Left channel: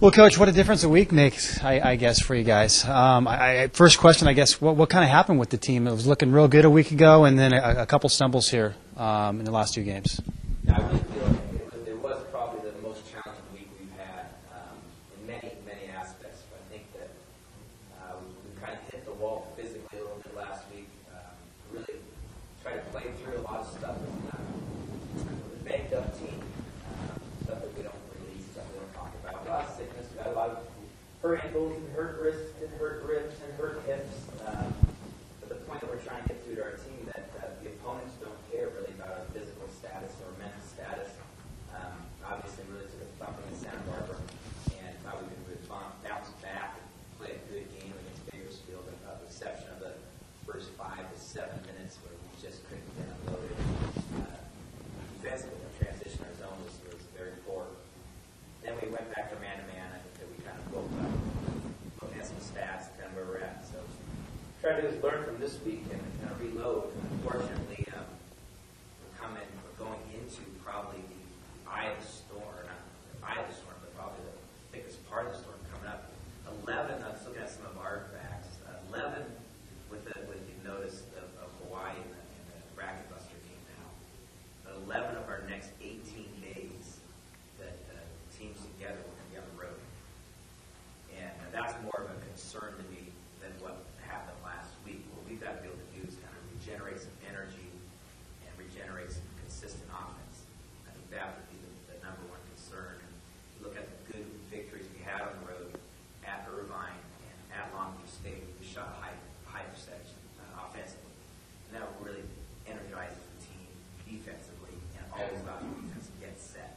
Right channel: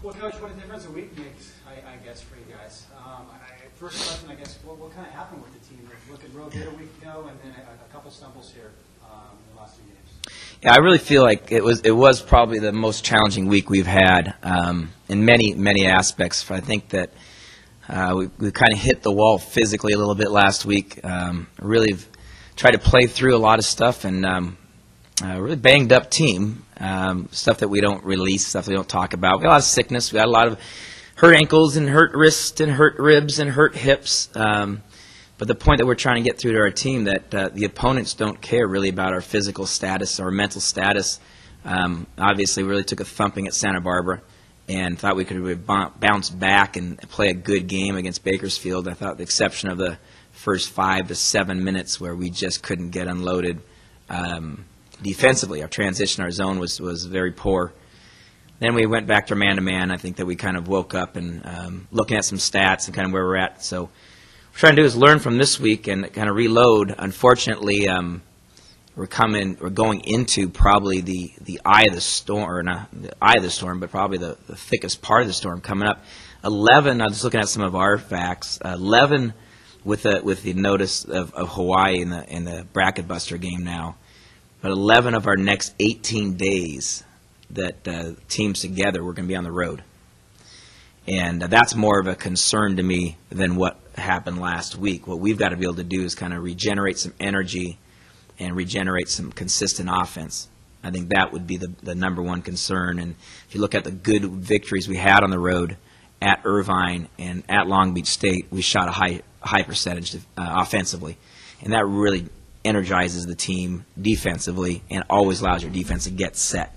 Well, Coach, what a difference a week makes, I guess, for you guys. First question, I guess, what kind of happened with the team? It was looking real good a week ago, and then a couple stumbles here in the last two games. Yeah, I really feel like it was probably the most challenging week we've had in many aspects. I think that we kind of hit the wall physically a little bit last week. Really tried to play through a lot of stuff, and a really banged up team. Stuff that we don't release, stuff we don't talk about. We got a lot of sickness. We got a lot of hurt ankles and hurt wrists and hurt ribs and hurt hips. But the point that we're trying to get through to our team that the opponents don't care really about our physical status or mental status. Obviously, we really took a thumping at Santa Barbara and thought we could bounce back and play a good game against Bakersfield. I thought the exception of the first 5 to 7 minutes where we just couldn't get unloaded. Defensively, our transition, our zone was very poor. Then we went back to man-to-man. I think that we kind of woke up and looking at some stats and kind of where we're at. So what we're trying to do is learn from this week and kind of reload. Unfortunately, we're going into probably the eye of the storm, or not the eye of the storm, but probably the thickest part of the storm coming up. 11. I was looking at some of our facts. 11 with the notice of Hawaii in the bracket buster game now. But 11 of our next 18 days that teams together, we're going to be on the road. And that's more of a concern to me than what happened last week. What we've got to be able to do is kind of regenerate some energy and regenerate some consistent offense. I think that would be the number one concern. And if you look at the good victories we had on the road at Irvine and at Long Beach State, we shot a high percentage offensively. And that really energizes the team defensively and always allows your defense to get set.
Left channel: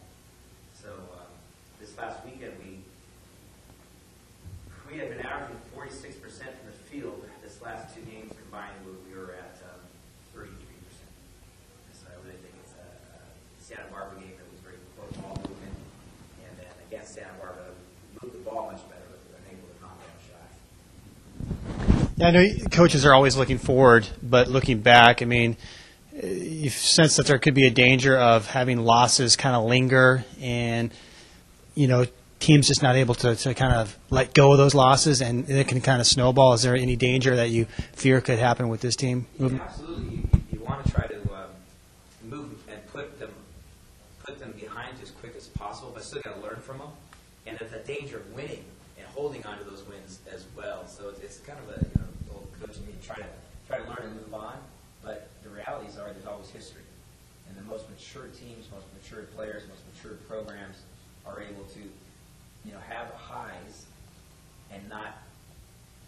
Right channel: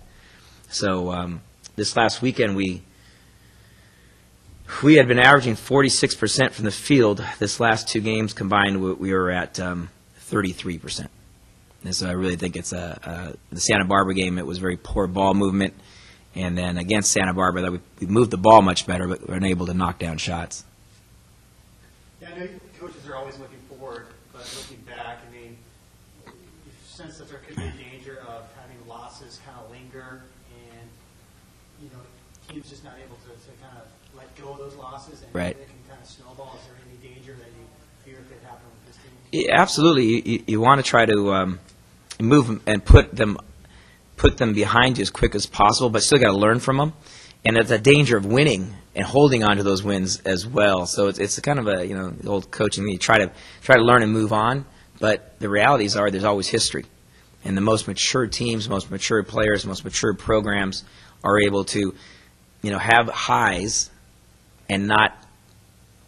So this last weekend we had been averaging 46% from the field. This last two games combined we were at 33%. And so I really think it's the Santa Barbara game. It was very poor ball movement, and then against Santa Barbara we moved the ball much better, but we weren't able to knock down shots. Yeah, I know coaches are always looking forward, but looking back, I mean, you sense that there could be a danger of having losses kind of linger and, teams just not able to kind of let go of those losses, and right. It can kind of snowball. Is there any danger that you fear could happen with this team? Yeah, absolutely. You want to try to move and put them behind you as quick as possible, but still got to learn from them. And there's a danger of winning and holding on to those wins as well. So it's kind of the old coaching. You try to learn and move on, but the realities are there's always history, and the most mature teams, most mature players, most mature programs are able to, have highs and not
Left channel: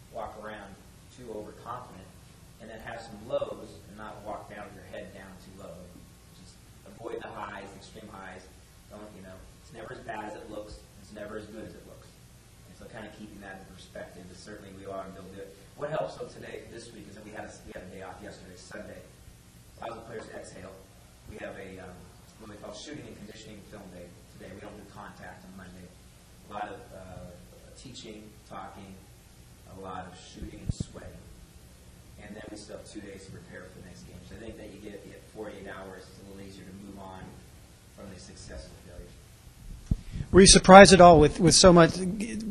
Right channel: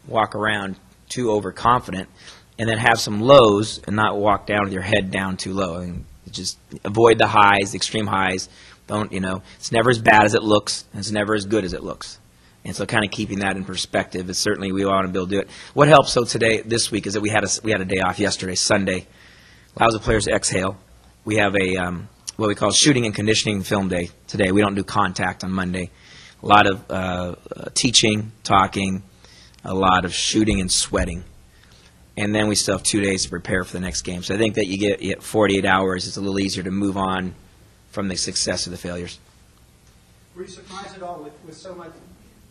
walk around too overconfident, and then have some lows and not walk down with your head down too low. I mean, just avoid the highs, the extreme highs. Don't it's never as bad as it looks, and it's never as good as it looks. And so kind of keeping that in perspective is certainly we want to be able to do it. What helps, this week is that we had a day off yesterday, Sunday. Allows the players to exhale. We have a what we call shooting and conditioning film day today. We don't do contact on Monday. A lot of teaching, talking, a lot of shooting and sweating. And then we still have 2 days to prepare for the next game. So I think that you get 48 hours. It's a little easier to move on from the success of the failures. Were you surprised at all with so much?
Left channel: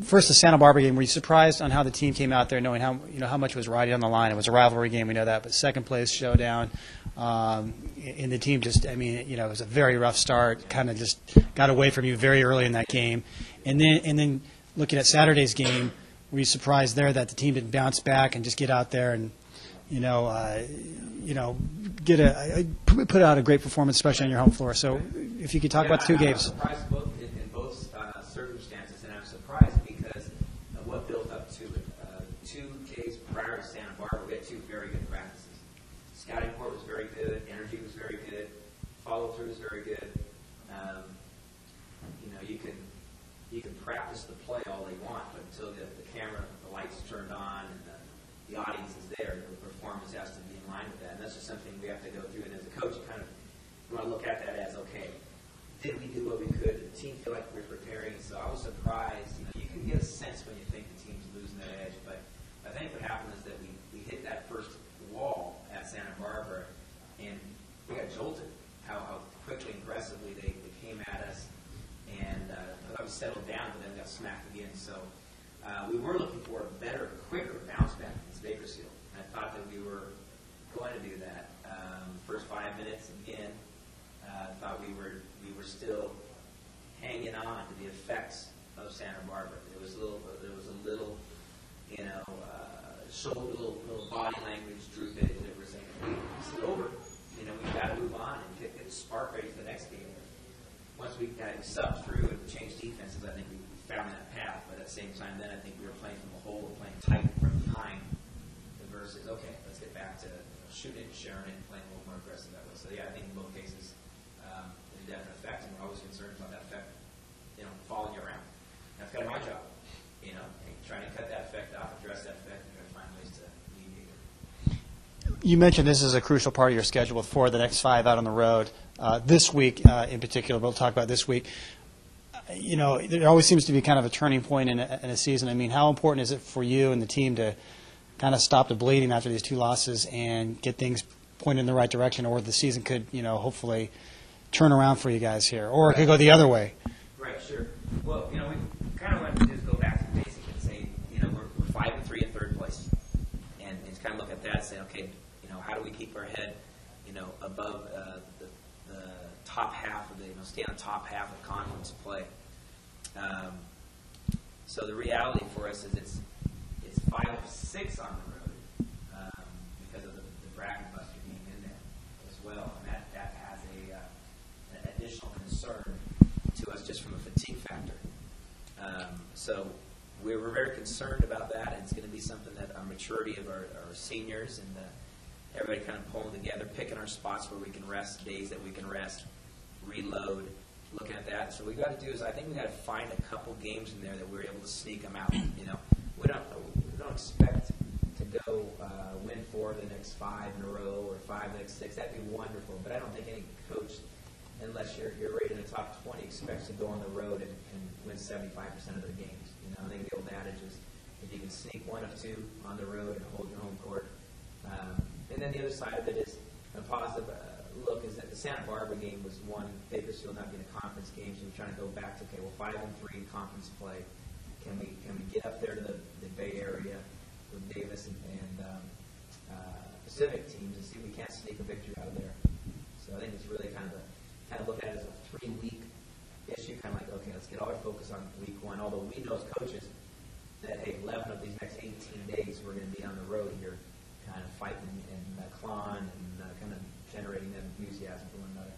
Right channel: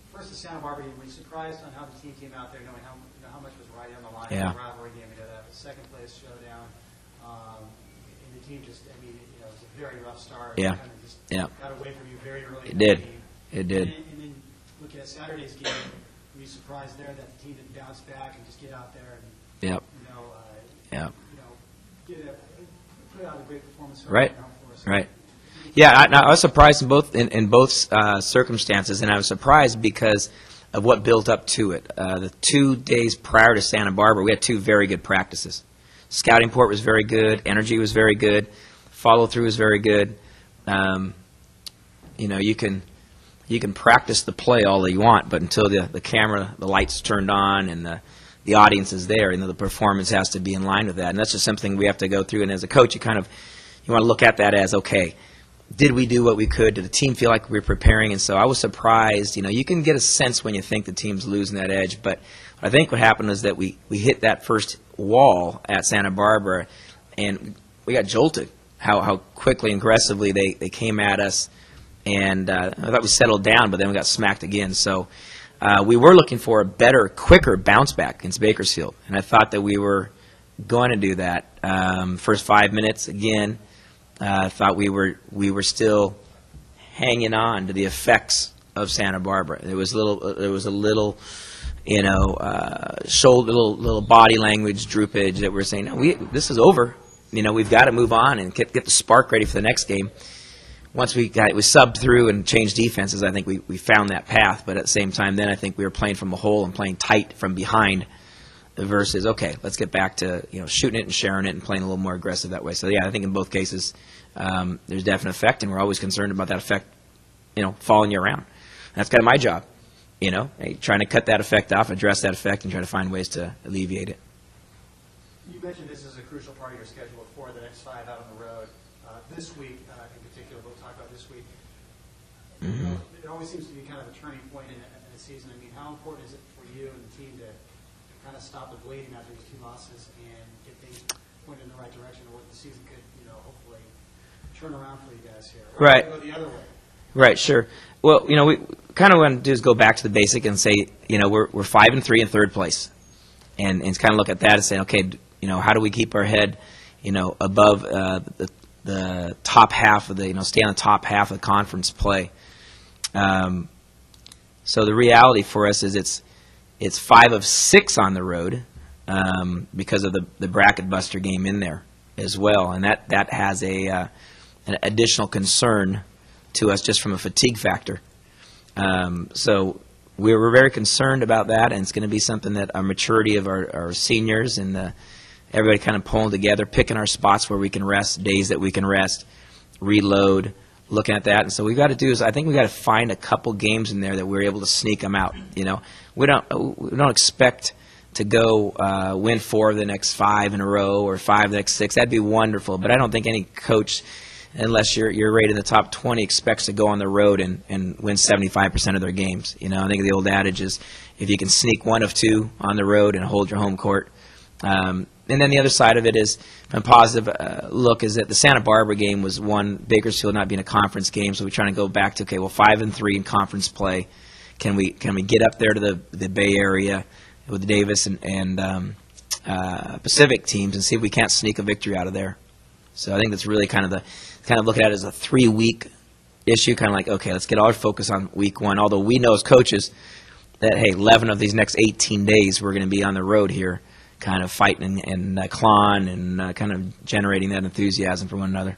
First, the Santa Barbara game. Were you surprised on how the team came out there, knowing how much was riding on the line? It was a rivalry game, we know that. But second place showdown, and the team just, it was a very rough start. Yeah. Kind of just got away from you very early in that game. And then looking at Saturday's game, were you surprised there that the team didn't bounce back and just get out there and put out a great performance, especially on your home floor? So if you could talk about I was surprised in both circumstances, and I was surprised because of what built up to it. The 2 days prior to Santa Barbara, we had 2 very good practices. Scouting port was very good. Energy was very good. Follow through was very good. You can practice the play all that you want, but until the camera, the lights turned on, and the audience is there, the performance has to be in line with that. And that's just something we have to go through. And as a coach, you want to look at that as, okay, did we do what we could? Did the team feel like we were preparing? And so I was surprised. You can get a sense when you think the team's losing that edge. But I think what happened was that we hit that first wall at Santa Barbara, and we got jolted how quickly and aggressively they came at us. and I thought we settled down, but then we got smacked again. So we were looking for a better, quicker bounce back against Bakersfield, and I thought that we were going to do that. First 5 minutes, again, I thought we were still hanging on to the effects of Santa Barbara. There was a little, little body language droopage that we're saying, no, this is over. We've got to move on and get the spark ready for the next game. Once we subbed through and changed defenses, I think we found that path. But at the same time, then I think we were playing from the hole and playing tight from behind versus, okay, let's get back to shooting it and sharing it and playing a little more aggressive that way. So, yeah, I think in both cases there's definite effect, and we're always concerned about that effect following you around. That's kind of my job, trying to cut that effect off, address that effect, and try to find ways to alleviate it. You mentioned this is a crucial part of your schedule for the next 5 out on the road. This week in particular, we'll talk about this week. There always seems to be kind of a turning point in a season. I mean, how important is it for you and the team to kind of stop the bleeding after these 2 losses and get things pointed in the right direction, or the season could, hopefully turn around for you guys here, or it could go the other way? Right, sure. Well, we kind of want to do is go back to the basic and say, we're 5-3 in third place, and kind of look at that and say, okay, how do we keep our head, above the top half of the, stay on the top half of the conference play. So the reality for us is it's 5 of 6 on the road because of the bracket buster game in there as well, and that has an additional concern to us just from a fatigue factor. So we were very concerned about that, and it's going to be something that our maturity of our seniors and everybody kind of pulling together, picking our spots where we can rest, days that we can rest, reload, looking at that. And so we've got to do is I think we've got to find a couple games in there that we're able to sneak them out. We don't expect to go win 4 of the next 5 in a row or 5 of the next 6. That'd be wonderful. But I don't think any coach, unless you're rated in the top 20, expects to go on the road and win 75% of their games. I think the old adage is if you can sneak 1 of 2 on the road and hold your home court. And then the other side of it is, from a positive look, is that the Santa Barbara game was one, Bakersfield not being a conference game, so we're trying to go back to, okay, well, 5-3 in conference play. Can we get up there to the Bay Area with the Davis and Pacific teams and see if we can't sneak a victory out of there? So I think that's really kind of look at it as a 3-week issue, kind of like, okay, let's get all our focus on week 1, although we know as coaches that, hey, 11 of these next 18 days we're going to be on the road here, kind of fighting and clawing and kind of generating that enthusiasm for one another.